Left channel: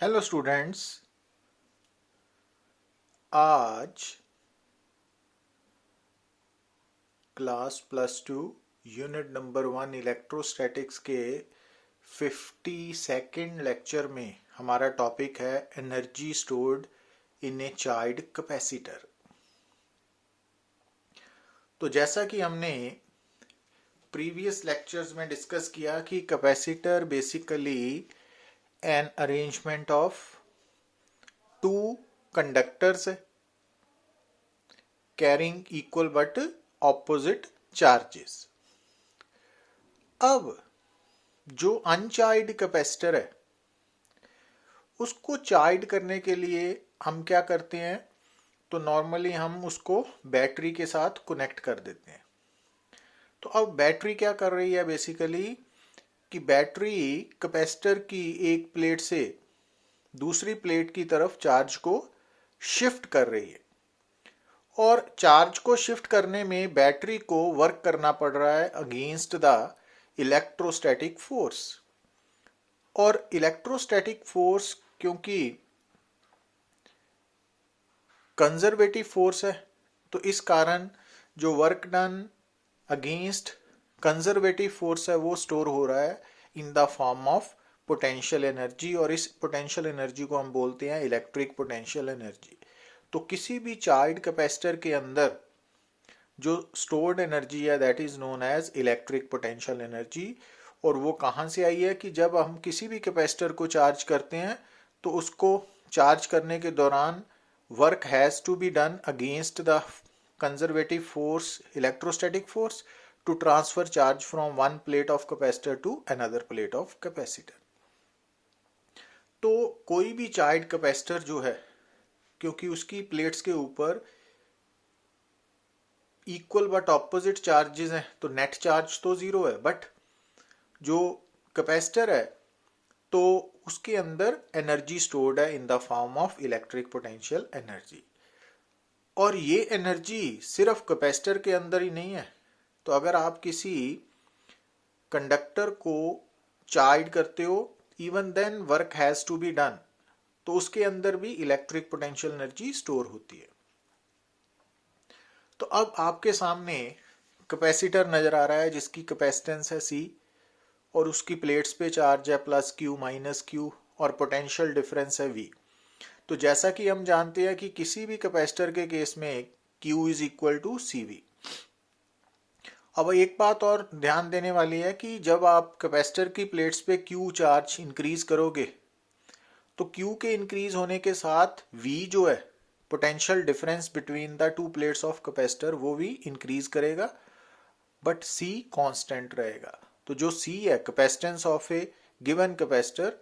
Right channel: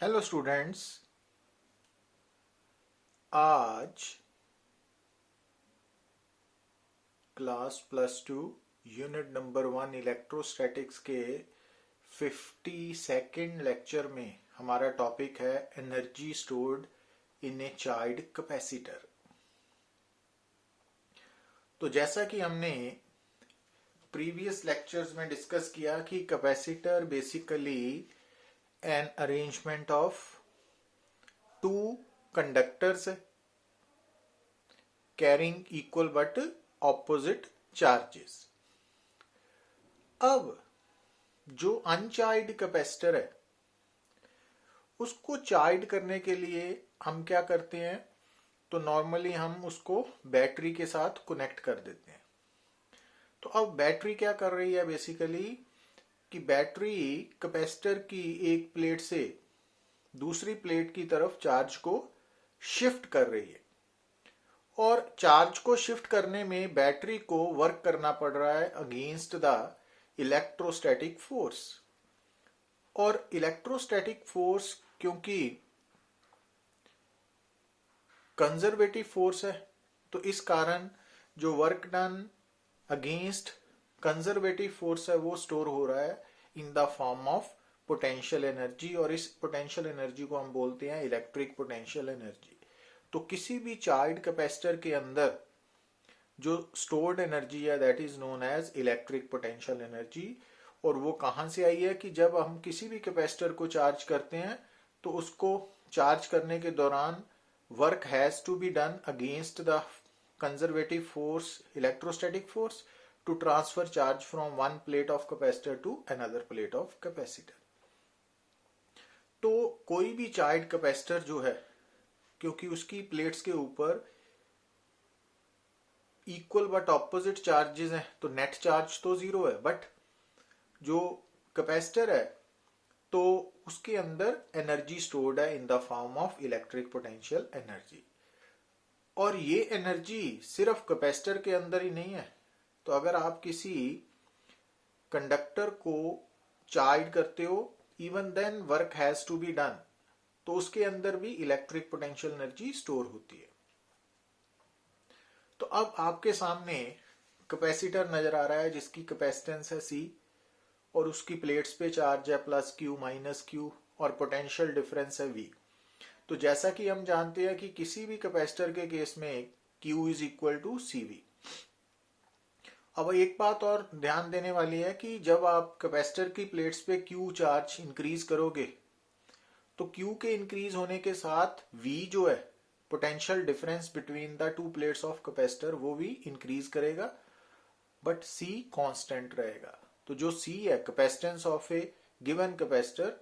Hello students. आज class +2 unit number 1 electrostatics के 52nd lecture में हमारा टॉपिक है energy stored in a charge capacitor. तो जैसा कि हमने प्रीवियस लेक्चर्स में डिस्कस किया कि capacitor basically an arrangement of two conductors carrying equal but opposite charges. अब जो अनचार्ज कैपेसिटर है उसको चार्ज करने के लिए हम क्या करते हैं, तो नॉर्मली हम उसको बैटरी के साथ कनेक्ट कर देते हैं। तो अब बैटरी क्या कर रही है बेसिकली कि बैटरी कैपेसिटर की एक प्लेट से दूसरी प्लेट की तरफ चार्ज को शिफ्ट कर रही है, और चार्ज को शिफ्ट करने में बैटरी को वर्क करना पड़ रहा है अगेंस्ट द इलेक्ट्रोस्टैटिक फोर्स। और इलेक्ट्रोस्टैटिक फोर्स क्योंकि कंजर्वेटिव फोर्स है, तो इस कारण जो work done against conservative force है वो स्टोर हो रहा है इन the form of potential energy, और इस पोटेंशियल एनर्जी को हम बोलते हैं इलेक्ट्रिक पोटेंशियल एनर्जी। तो किसी भी चार्ज कैपेसिटर के अंदर जो स्टोर्ड एनर्जी है that is known as electric potential energy. और वो कहाँ से आई है कि जब हम किसी भी कैपेसिटर को चार्ज करते हैं तो उसको चार्ज करने के दौरान work has to be done against the conservative force electrostatic force to transfer charge from one plate of capacitor to another plate of capacitor. तो कोई भी चार्ज कैपेसिटर जो है, क्योंकि उसकी प्लेट्स के ऊपर इक्वल बट ऑपोजिट चार्जेस हैं, तो नेट चार्ज तो जीरो है, बट जो कैपेसिटर है तो उसके अंदर एनर्जी स्टोर्ड है इन the form of electric potential energy. और ये एनर्जी सिर्फ कैपेसिटर के अंदर ही नहीं है। तो अगर आप किसी कंडक्टर को चार्ज करते हो, even then work has to be done, तो उसके अंदर भी इलेक्ट्रिक पोटेंशियल एनर्जी स्टोर होती है। तो अब आपके सामने कैपेसिटर नजर आ रहा है जिसकी कैपेसिटेंस है C, और उसकी प्लेट्स पे चार्ज है +Q -Q, और पोटेंशियल डिफरेंस है V। तो जैसा कि हम जानते हैं कि किसी भी कैपेसिटर के केस में Q is equal to CV। अब एक बात और ध्यान देने वाली है कि जब आप कैपेसिटर की प्लेट्स पे Q चार्ज इंक्रीज करोगे तो Q के इंक्रीज होने के साथ V जो है potential difference between the two plates of capacitor वो भी इंक्रीज करेगा, बट C कांस्टेंट रहेगा। तो जो C है capacitance of A given capacitor,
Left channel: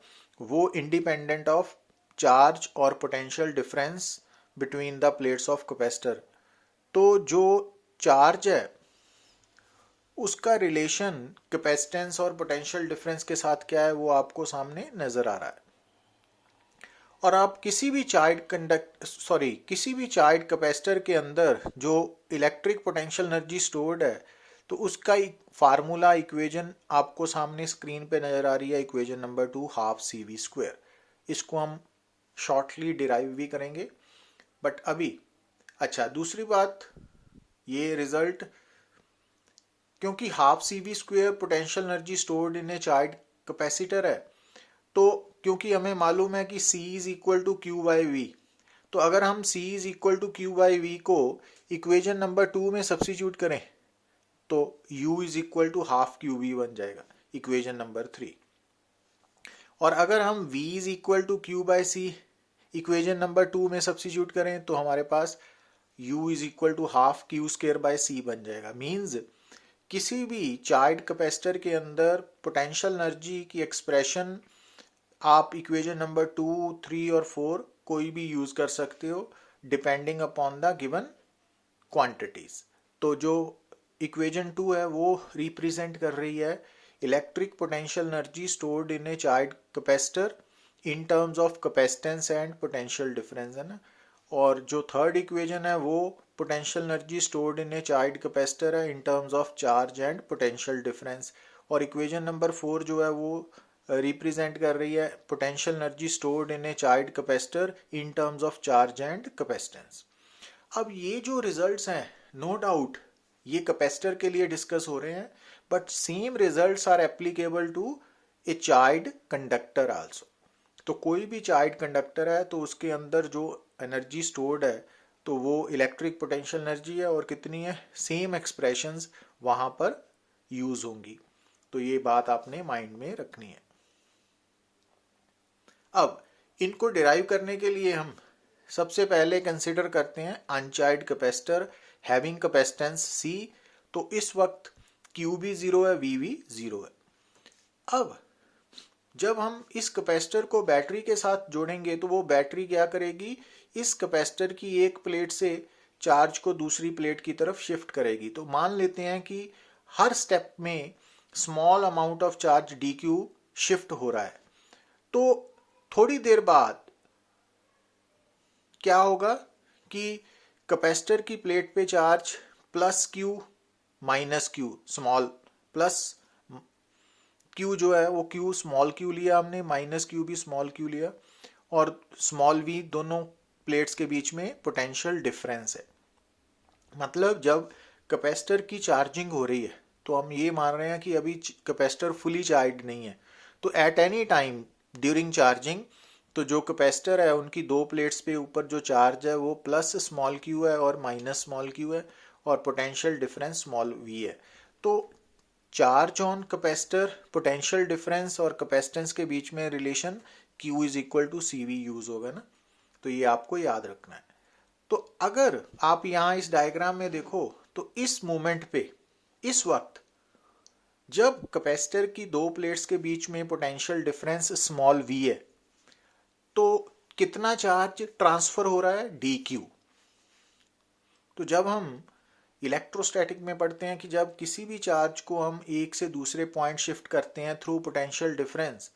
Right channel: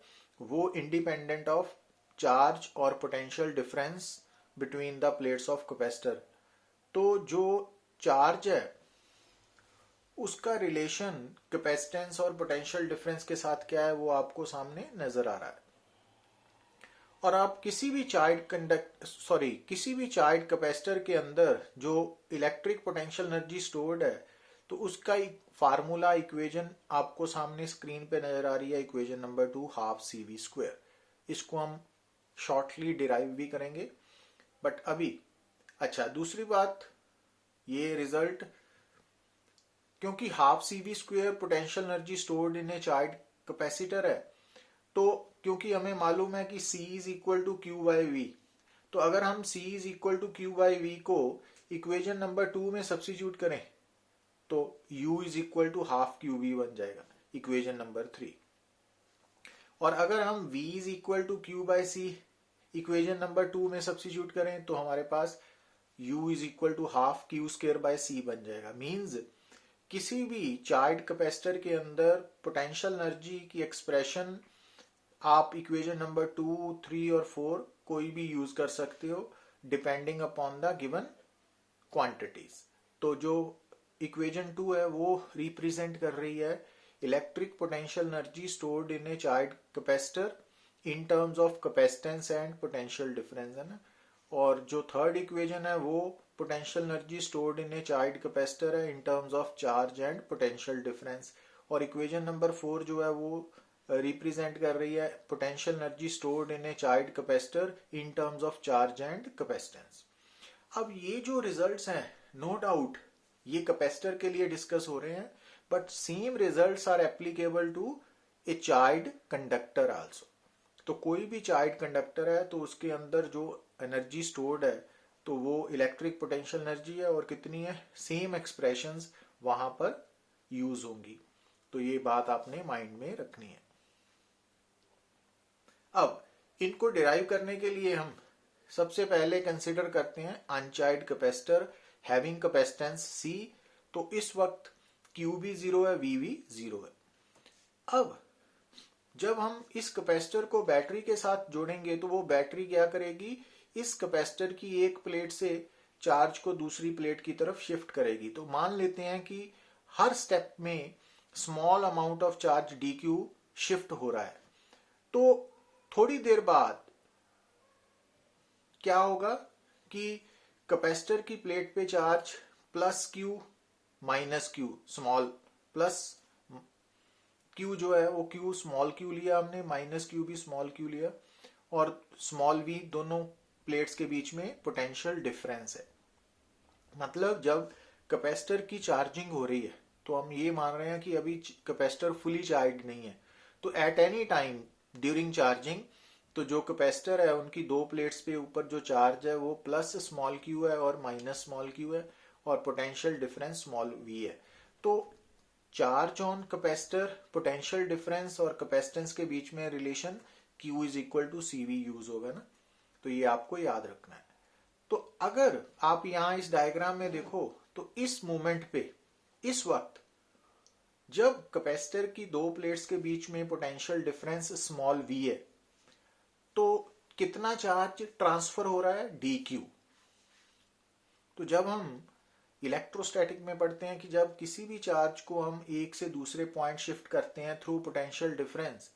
वो इंडिपेंडेंट ऑफ चार्ज और potential difference between the plates of capacitor. तो जो चार्ज है उसका रिलेशन कैपेसिटेंस और पोटेंशियल डिफरेंस के साथ क्या है वो आपको सामने नजर आ रहा है। और आप किसी भी चार्ज कैपेसिटर के अंदर जो इलेक्ट्रिक पोटेंशियल एनर्जी स्टोर्ड है, तो उसका एक फार्मूला इक्वेशन आपको सामने स्क्रीन पे नजर आ रही है, इक्वेशन नंबर 2 ½ CV²। इसको हम शॉर्टली डिराइव भी करेंगे, बट अभी अच्छा दूसरी बात, ये रिजल्ट क्योंकि ½ CV² potential energy stored in a charge capacitor है, तो क्योंकि हमें मालूम है कि C is equal to Q/V, तो अगर हम C is equal to Q/V को इक्वेशन नंबर 2 में सब्स्टिट्यूट करें तो U is equal to ½ QV बन जाएगा इक्वेशन नंबर 3। और अगर हम V is equal to Q/C equation number 2 में सब्स्टिट्यूट करें तो हमारे पास U is equal to ½ Q²/C बन जाएगा। मीन्स किसी भी चार्ज कैपेसिटर के अंदर पोटेंशियल एनर्जी की एक्सप्रेशन आप इक्वेशन नंबर 2, 3 और 4 कोई भी यूज कर सकते हो depending upon the given quantities. तो जो इक्वेशन 2 है वो रिप्रेजेंट कर रही है electric potential energy stored in a charge capacitor in terms of capacitance and potential difference, है ना। और जो थर्ड इक्वेशन है वो potential energy stored in a charge capacitor है in terms of charge and potential difference. और equation number 4 जो है वो रिप्रेजेंट कर रही है potential energy stored in a charge capacitor in terms of charge and capacitance. अब ये जो रिजल्ट्स हैं, नो डाउट ये कैपेसिटर के लिए डिस्कस हो रहे हैं, but same results are applicable to a charge conductor also. तो कोई भी चार्ज कंडक्टर है तो उसके अंदर जो एनर्जी स्टोर्ड है तो वो इलेक्ट्रिक पोटेंशियल एनर्जी है, और कितनी है, सेम एक्सप्रेशंस वहां पर यूज होंगी। तो ये बात आपने माइंड में रखनी है। अब इनको डिराइव करने के लिए हम सबसे पहले कंसिडर करते हैं uncharge capacitor having capacitance C. तो इस वक्त क्यू भी जीरो है, वी भी जीरो है। अब जब हम इस कैपेसिटर को बैटरी के साथ जोड़ेंगे तो वो बैटरी क्या करेगी, इस कैपेसिटर की एक प्लेट से चार्ज को दूसरी प्लेट की तरफ शिफ्ट करेगी। तो मान लेते हैं कि हर स्टेप में small amount of charge D Q shift हो रहा है। तो थोड़ी देर बाद क्या होगा कि कैपेसिटर की प्लेट पे charge plus Q minus Q, small plus Q जो है वो क्यू स्मॉल क्यू लिया हमने, माइनस क्यू भी स्मॉल क्यू लिया, और स्मॉल वी, दोनों प्लेट्स के बीच में पोटेंशियल डिफरेंस है। मतलब जब कैपेसिटर की चार्जिंग हो रही है तो हम ये मान रहे हैं कि अभी कैपेसिटर फुली चार्ज नहीं है। तो at any time during charging तो जो कैपेसिटर है उनकी दो प्लेट्स पे ऊपर जो चार्ज है वो प्लस स्मॉल क्यू है और माइनस स्मॉल क्यू है, और पोटेंशियल डिफरेंस स्मॉल वी है। तो charge on capacitor, potential difference और कैपेसिटेंस के बीच में relation Q is equal to C V use होगा ना। तो ये आपको याद रखना है। तो अगर आप यहां इस डायग्राम में देखो तो इस मोमेंट पे, इस वक्त जब कैपेसिटर की दो प्लेट्स के बीच में पोटेंशियल डिफरेंस स्मॉल v है तो कितना चार्ज ट्रांसफर हो रहा है, डी क्यू। तो जब हम इलेक्ट्रोस्टैटिक में पढ़ते हैं कि जब किसी भी चार्ज को हम एक से दूसरे पॉइंट शिफ्ट करते हैं थ्रू पोटेंशियल डिफरेंस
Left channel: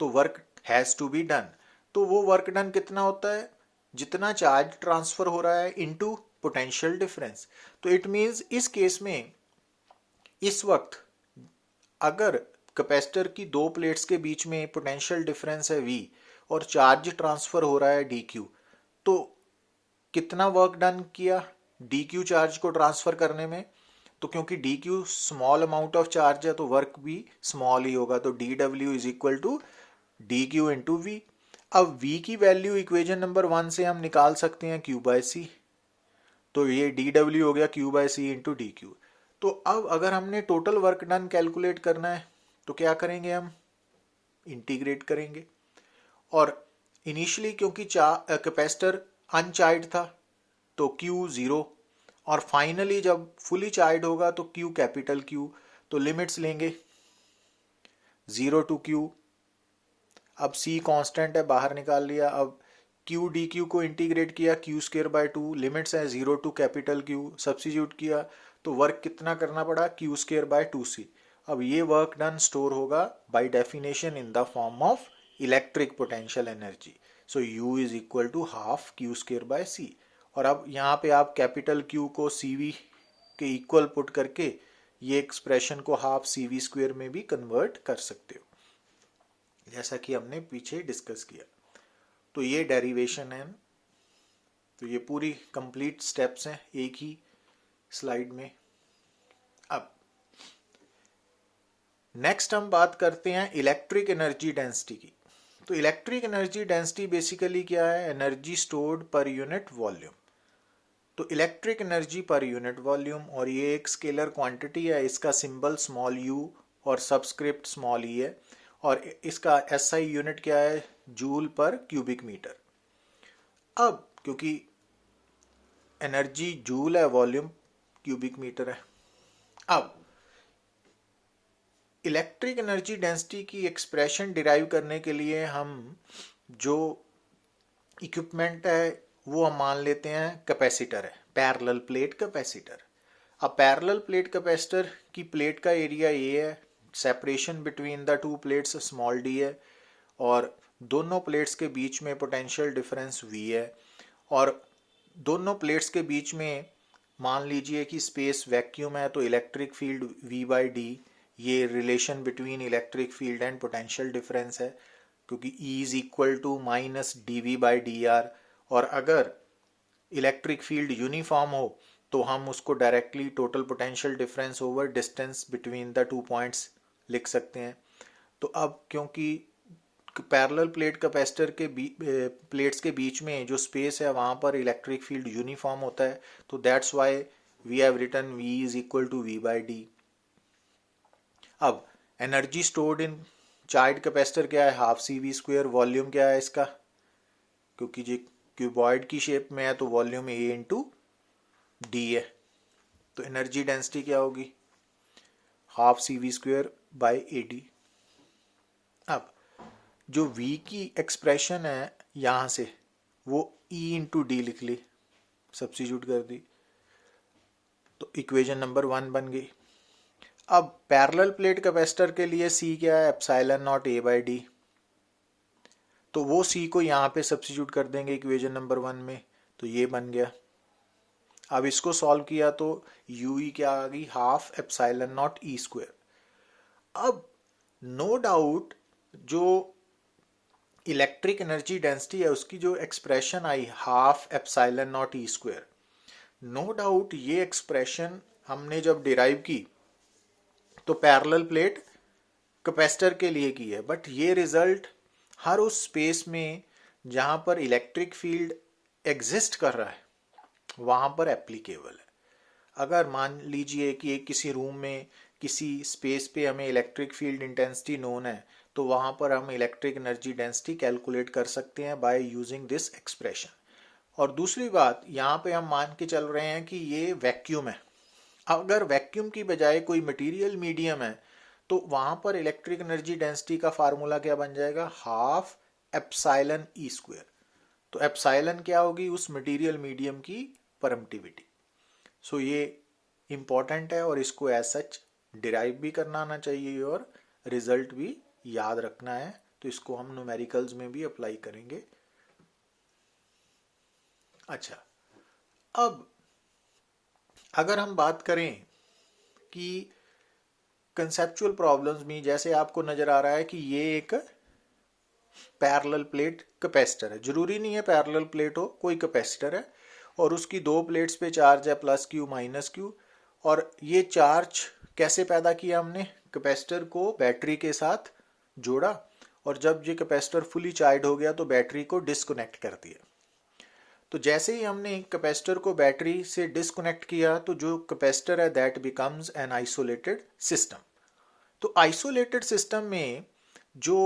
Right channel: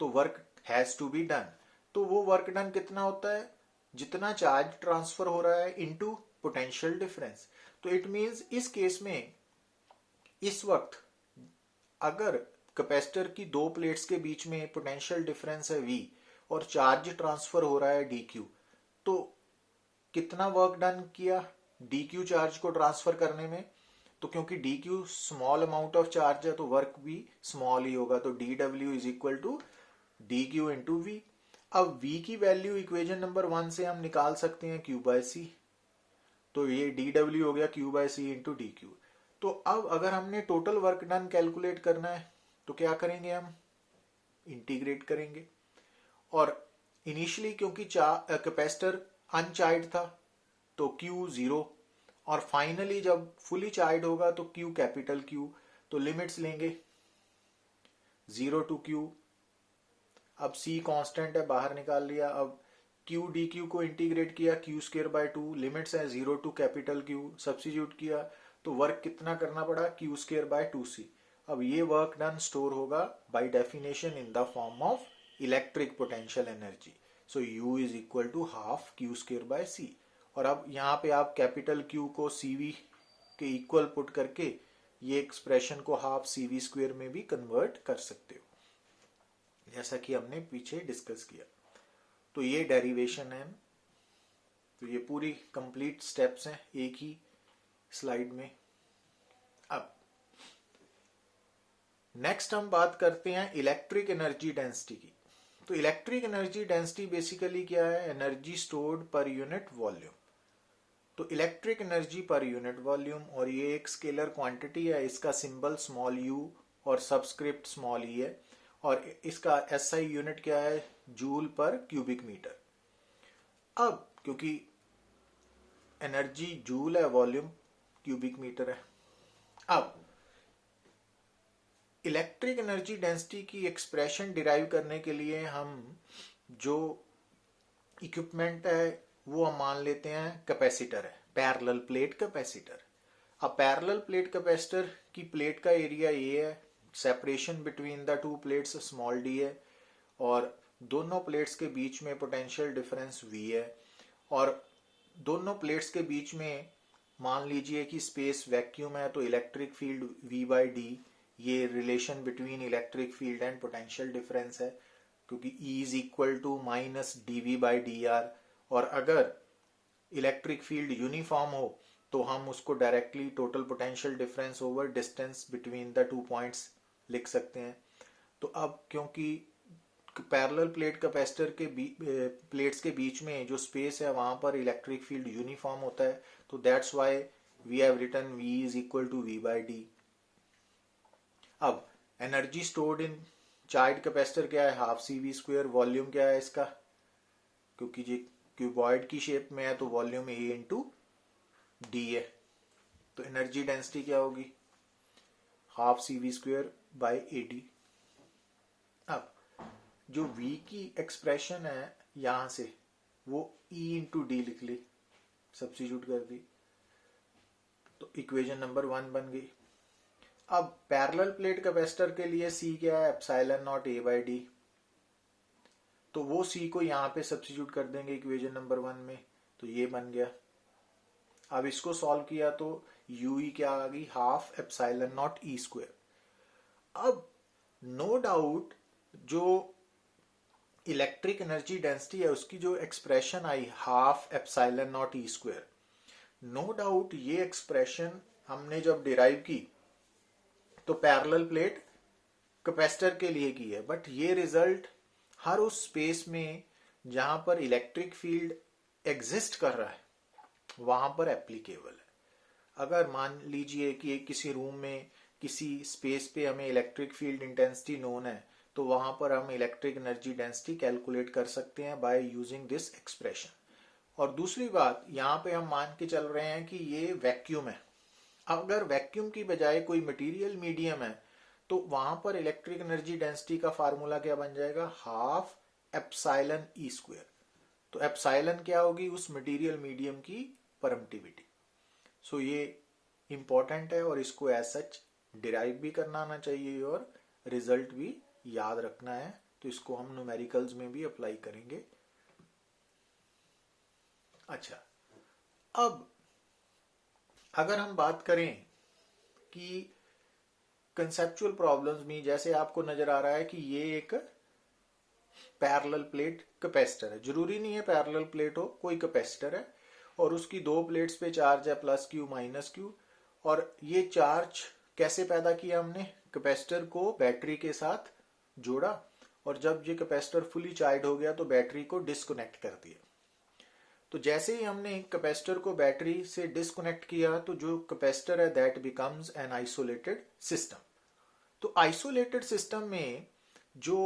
तो work has to be done. तो वो वर्क डन कितना होता है, जितना चार्ज ट्रांसफर हो रहा है इनटू पोटेंशियल डिफरेंस। तो इट मींस इस केस में इस वक्त अगर कैपेसिटर की दो प्लेट्स के बीच में पोटेंशियल डिफरेंस है V और चार्ज ट्रांसफर हो रहा है डी क्यू, तो कितना वर्क डन किया डी क्यू चार्ज को ट्रांसफर करने में। तो क्योंकि d q small amount of charge है तो वर्क भी स्मॉल ही होगा। तो d W is equal to d q into V. अब V की वैल्यू इक्वेशन नंबर 1 से हम निकाल सकते हैं Q बाय सी। तो ये डी डब्ल्यू हो गया Q बाय सी इंटू डी क्यू। तो अब अगर हमने टोटल वर्क डन कैलकुलेट करना है तो क्या करेंगे, हम इंटीग्रेट करेंगे। और इनिशियली क्योंकि कैपेसिटर अनचार्ज था तो Q जीरो, और फाइनली जब फुली चार्ज होगा तो Q कैपिटल Q। तो लिमिट्स लेंगे 0 टू Q। अब C कांस्टेंट है, बाहर निकाल लिया। अब Q डी क्यू को इंटीग्रेट किया Q स्क्वायर बाय 2, लिमिट्स है 0 टू कैपिटल Q, सब्सिट्यूट किया तो वर्क कितना करना पड़ा, Q स्क्वायर बाय 2C। अब ये वर्क डन स्टोर होगा by definition in the form of electric potential energy. So U is equal to half Q square by C। और अब यहाँ पे आप कैपिटल Q को CV के इक्वल पुट करके ये एक्सप्रेशन को हाफ CV स्क्वायर में भी कन्वर्ट कर सकते हो, जैसा कि हमने पीछे डिस्कस किया। तो ये डेरिवेशन है। तो ये पूरी कंप्लीट स्टेप्स हैं एक ही स्लाइड में। अब नेक्स्ट हम बात करते हैं इलेक्ट्रिक एनर्जी डेंसिटी की। तो इलेक्ट्रिक एनर्जी डेंसिटी बेसिकली क्या है, energy stored per unit volume. तो electric energy per unit volume, और ये एक स्केलर क्वांटिटी है, इसका सिंबल स्मॉल u और सबस्क्रिप्ट स्मॉल e है, और इसका SI यूनिट क्या है, जूल पर क्यूबिक मीटर। अब क्योंकि एनर्जी जूल है, वॉल्यूम क्यूबिक मीटर है। अब इलेक्ट्रिक एनर्जी डेंसिटी की एक्सप्रेशन डिराइव करने के लिए हम जो इक्विपमेंट है वो हम मान लेते हैं कैपेसिटर है, पैरेलल प्लेट कैपेसिटर। अब पैरेलल प्लेट कैपेसिटर की प्लेट का एरिया ये है, separation between the two plates small d है, और दोनों प्लेट्स के बीच में पोटेंशियल डिफरेंस V है, और दोनों प्लेट्स के बीच में मान लीजिए कि स्पेस वैक्यूम है तो electric field V by D ये relation between electric field and potential difference है, क्योंकि E is equal to minus dV/dr। और अगर इलेक्ट्रिक फील्ड यूनिफॉर्म हो तो हम उसको directly total potential difference over distance between the two points लिख सकते हैं। तो अब क्योंकि पैरेलल प्लेट कैपेसिटर के प्लेट्स के बीच में जो स्पेस है वहाँ पर इलेक्ट्रिक फील्ड यूनिफॉर्म होता है, तो that's why we have written V is equal to V/d। अब energy stored in charge capacitor क्या है, हाफ CV²। वॉल्यूम क्या है इसका, क्योंकि ये क्यूबॉइड की शेप में है तो वॉल्यूम A/d है, तो एनर्जी डेंसिटी क्या होगी, हाफ CV²/AD। अब जो V की एक्सप्रेशन है यहाँ से वो E/d लिख ली, सब्स्टिट्यूट कर दी, तो इक्वेशन नंबर 1 बन गई। अब पैरेलल प्लेट कैपेसिटर के लिए C क्या है, ε0 A/d। तो वो C को यहाँ पे सब्स्टिट्यूट कर देंगे इक्वेशन नंबर 1 में, तो ये बन गया। अब इसको सॉल्व किया तो UE क्या आ गई, हाफ ε0 E²। अब नो डाउट जो इलेक्ट्रिक एनर्जी डेंसिटी है उसकी जो एक्सप्रेशन आई हाफ ε0 E², नो डाउट ये एक्सप्रेशन हमने जब डिराइव की तो पैरेलल प्लेट कैपेसिटर के लिए की है, बट ये रिजल्ट हर उस स्पेस में जहां पर इलेक्ट्रिक फील्ड एग्जिस्ट कर रहा है वहां पर एप्लीकेबल है। अगर मान लीजिए कि एक किसी रूम में किसी स्पेस पे हमें इलेक्ट्रिक फील्ड इंटेंसिटी नोन है, तो वहां पर हम इलेक्ट्रिक एनर्जी डेंसिटी कैलकुलेट कर सकते हैं बाय यूजिंग दिस एक्सप्रेशन। और दूसरी बात, यहाँ पे हम मान के चल रहे हैं कि ये वैक्यूम है। अगर वैक्यूम की बजाय कोई मटेरियल मीडियम है तो वहां पर इलेक्ट्रिक एनर्जी डेंसिटी का फार्मूला क्या बन जाएगा, हाफ ε/E²। तो एप्साइलन क्या होगी, उस मटेरियल मीडियम की परमिटिविटी। सो ये इंपॉर्टेंट है और इसको एज सच डिराइव भी करना आना चाहिए और रिजल्ट भी याद रखना है, तो इसको हम न्यूमेरिकल्स में भी अप्लाई करेंगे। अच्छा, अब अगर हम बात करें कि कंसेप्चुअल प्रॉब्लम्स में, जैसे आपको नजर आ रहा है कि ये एक पैरेलल प्लेट कैपेसिटर है, जरूरी नहीं है पैरेलल प्लेट हो, कोई कैपेसिटर है और उसकी दो प्लेट्स पे चार्ज है +Q -Q। और ये चार्ज कैसे पैदा किया हमने, कैपेसिटर को बैटरी के साथ जोड़ा और जब ये कैपेसिटर फुली चार्ज हो गया तो बैटरी को डिस्कनेक्ट कर दिया। तो जैसे ही हमने कैपेसिटर को बैटरी से डिस्कनेक्ट किया तो जो कैपेसिटर है that becomes an isolated system. तो आइसोलेटेड सिस्टम में जो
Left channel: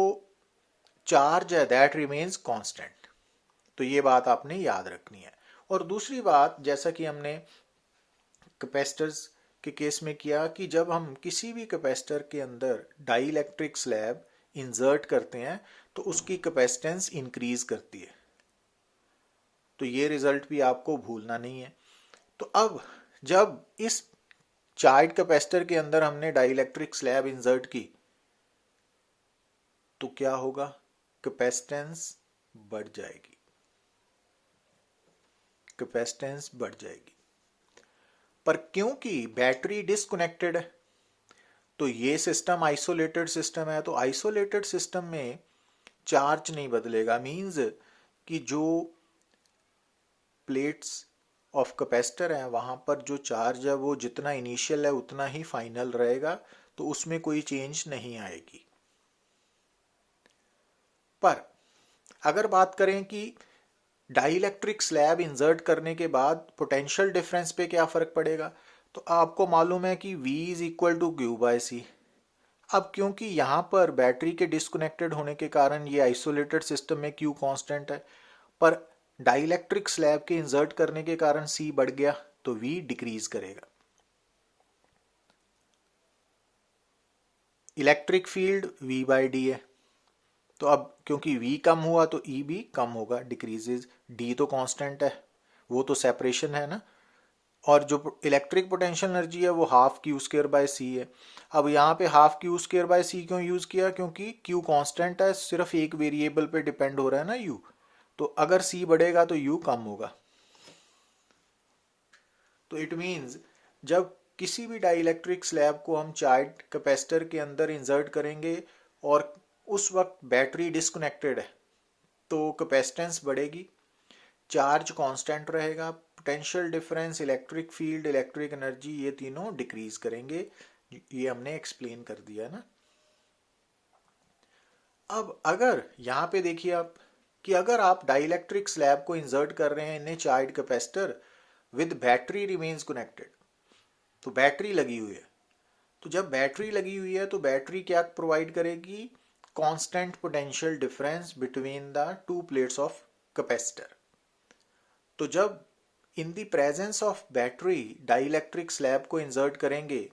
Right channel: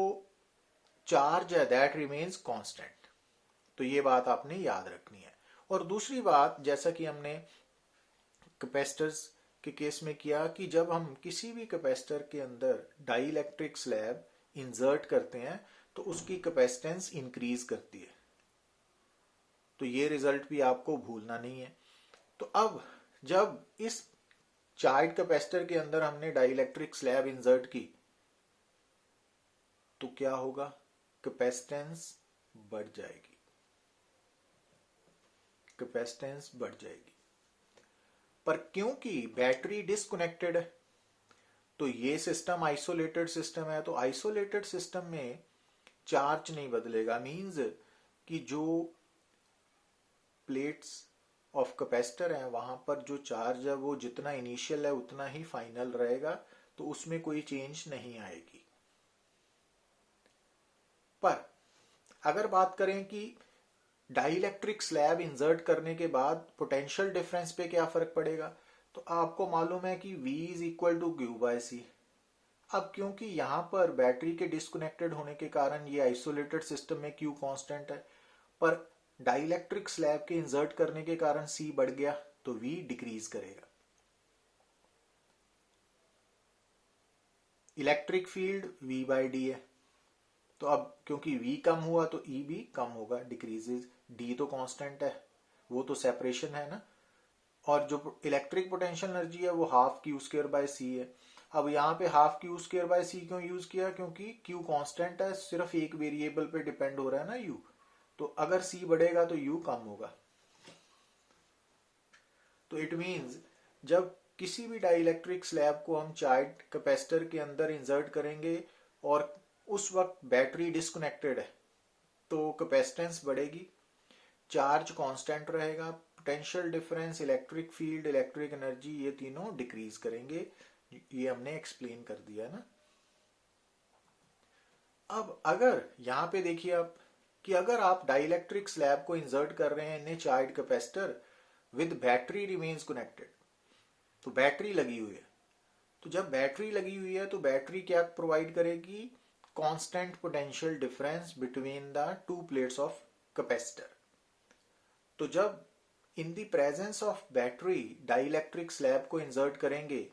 चार्ज है दैट रिमेन्स कांस्टेंट, तो ये बात आपने याद रखनी है। और दूसरी बात, जैसा कि हमने कैपेसिटर्स के केस में किया कि जब हम किसी भी कैपेसिटर के अंदर डाइलेक्ट्रिक स्लैब इंसर्ट करते हैं तो उसकी कैपेसिटेंस इंक्रीज करती है, तो ये रिजल्ट भी आपको भूलना नहीं है। तो अब जब इस चार्ज कैपेसिटर के अंदर हमने डाइलेक्ट्रिक स्लैब इंसर्ट की तो क्या होगा, कैपेसिटेंस बढ़ जाएगी, कैपेसिटेंस बढ़ जाएगी। पर क्योंकि बैटरी डिस्कनेक्टेड है तो ये सिस्टम आइसोलेटेड सिस्टम है, तो आइसोलेटेड सिस्टम में चार्ज नहीं बदलेगा, मींस कि जो प्लेट्स ऑफ कैपेसिटर है वहां पर जो चार्ज है वो जितना इनिशियल है उतना ही फाइनल रहेगा, तो उसमें कोई चेंज नहीं आएगी। पर अगर बात करें कि डाइलेक्ट्रिक स्लैब इंसर्ट करने के बाद पोटेंशियल डिफरेंस पे क्या फर्क पड़ेगा, तो आपको मालूम है कि V is equal to Q/C। अब क्योंकि यहाँ पर बैटरी के डिस्कनेक्टेड होने के कारण ये आइसोलेटेड सिस्टम में Q कांस्टेंट है, पर डाइलेक्ट्रिक स्लैब के इंसर्ट करने के कारण C बढ़ गया तो V डिक्रीज करेगा। इलेक्ट्रिक फील्ड V/d है, तो अब क्योंकि V कम हुआ तो E भी कम होगा, डिक्रीजेज। D तो कांस्टेंट है, वो तो सेपरेशन है ना। और जो इलेक्ट्रिक पोटेंशियल एनर्जी है वो ½ Q² C है। अब यहाँ पे ½ Q² C क्यों यूज किया, क्योंकि Q कांस्टेंट है, सिर्फ एक वेरिएबल पे डिपेंड हो रहा है ना U, तो अगर C बढ़ेगा तो U कम होगा। तो इट मीन्स जब किसी भी डाइलेक्ट्रिक स्लैब को हम चार्ज कैपेसिटर के अंदर इंसर्ट करेंगे और उस वक्त बैटरी डिस्कनेक्टेड है तो कैपेसिटेंस बढ़ेगी, चार्ज कांस्टेंट रहेगा, potential difference, electric field, electric energy, ये तीनों डिक्रीज करेंगे। ये हमने एक्सप्लेन कर दिया ना। अब अगर यहाँ पे देखिए आप कि अगर आप डाइलेक्ट्रिक स्लैब को इंसर्ट कर रहे हैं in a charge capacitor with battery remains connected, तो बैटरी लगी हुई है, तो जब बैटरी लगी हुई है तो बैटरी क्या प्रोवाइड करेगी, constant potential difference between the two plates of capacitor. तो जब in the presence of battery dielectric slab को इंसर्ट करेंगे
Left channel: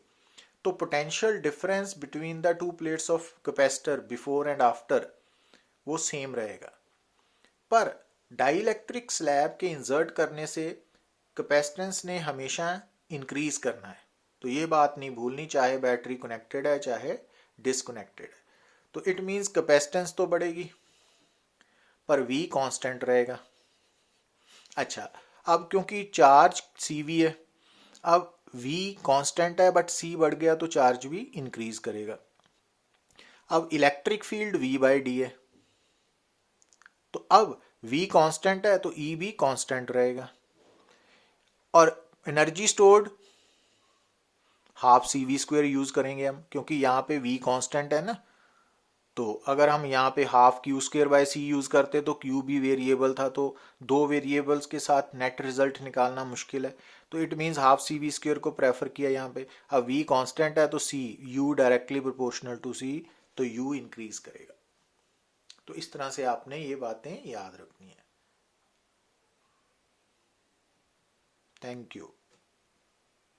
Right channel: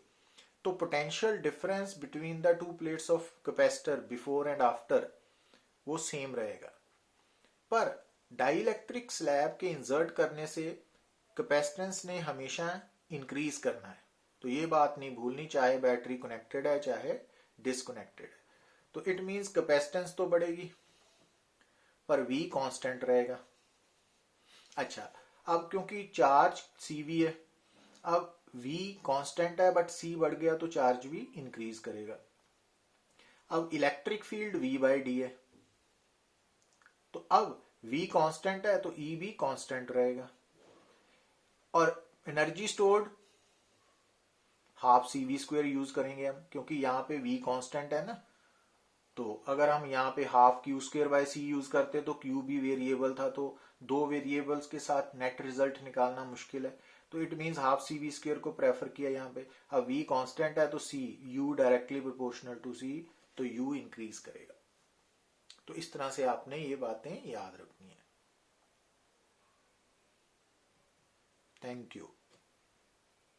तो potential difference between the two plates of capacitor before and after वो सेम रहेगा। पर डाइलेक्ट्रिक स्लैब के insert करने से कैपेसिटेंस ने हमेशा इंक्रीज करना है, तो ये बात नहीं भूलनी, चाहे बैटरी कनेक्टेड है चाहे डिसकनेक्टेड है। तो इट मीन्स कैपेसिटेंस तो बढ़ेगी पर V कांस्टेंट रहेगा। अच्छा, अब क्योंकि चार्ज CV है, अब V कांस्टेंट है बट C बढ़ गया तो चार्ज भी इंक्रीज करेगा। अब इलेक्ट्रिक फील्ड V/D है, तो अब V कांस्टेंट है तो E भी कांस्टेंट रहेगा। और energy stored half CV² use करेंगे हम, क्योंकि यहाँ पे V कांस्टेंट है ना। तो अगर हम यहाँ पे हाफ Q² यूज करते तो Q भी वेरिएबल था, तो दो वेरिएबल्स के साथ नेट रिजल्ट निकालना मुश्किल है, तो इट मीन्स हाफ CV² को प्रेफर किया यहाँ पे। अब V कांस्टेंट है तो C U directly proportional to C, तो U इंक्रीज करेगा। तो इस तरह से आपने ये बातें याद रखनी है। Thank you.